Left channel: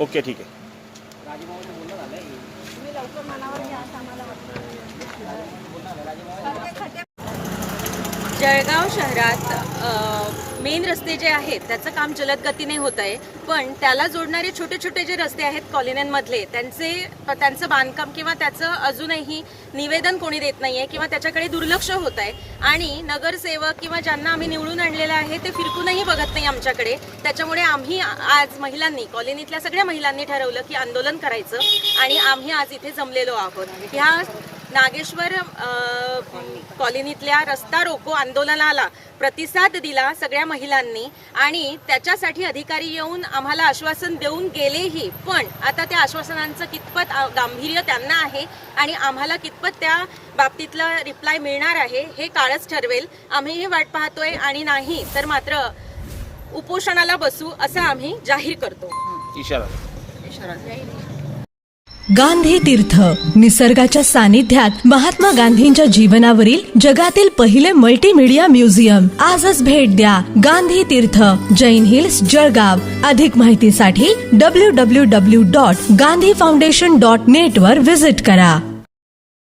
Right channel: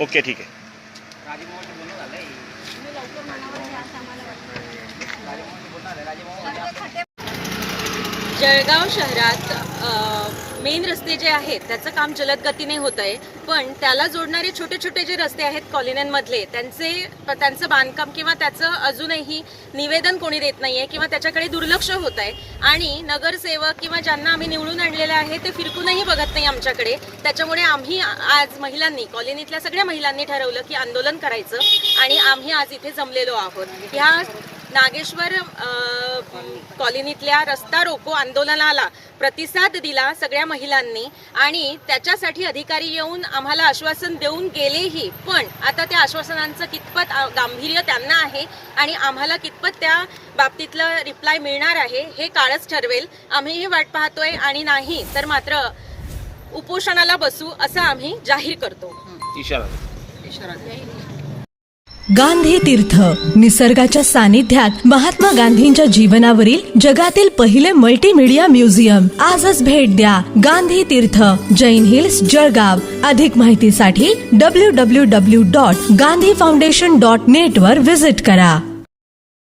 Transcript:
Okay, ठीक आहे. जळगाव शहरात मेन रस्ते जे आहेत त्याचं काम जलद गतीने होत आहे, पण त्याला जोडणारे छोटे छोटे जे रस्ते आहेत कॉलन्यांमधले त्यांचं बांधकाम किंवा त्याचं अजूनही निवेदन कोणी देत नाहीये किंवा त्याच्याकडे दुर्लक्ष होत आहे आणि नगरसेवक किंवा ज्यांना आम्ही निवडून आणलेले आहे ते फिरकूनही बघत नाही आमच्याकडे. त्याच्यामुळे आम्ही आज महिलांनी, कॉलनीतल्या सगळ्या महिलांनी ठरवलं की आंदोलन करायचं आणि आम्ही आज इथे जमलेलो आहोत. ह्या नागेश्वर कॉलनीतल्या रस्ता रोको आंदोलनाला प्रतिसाद दिला सगळ्या महिलांनी आणि त्याच्यासाठी अधिकारी येऊन आम्हाला आश्वासन देऊन गेलेही, पण आता त्या आश्वासनांचं कितपत गांभीर्य त्यांना आहे आणि आम्हाला कितपत त्या बाबतीतलं रिप्लाय मिळणार आहे हे काळच ठरवेल. आम्हीही वाट पाहतोय आणि नाही तर मात्र उपोषणाला बसू असं आम्ही जाहीर करतो. इशारा. गांधी तीर्थ, निसर्गाच्या सानिध्यात महात्मा गांधींच्या जीवनावरील जगातील पहिले मल्टीमीडिया म्युझियम. आजच भेट द्या. गांधी तीर्थ, जैन हिल्स, जळगाव. अधिक माहितीसाठी www.gandhifoundation.net वर व्हिजिट करा.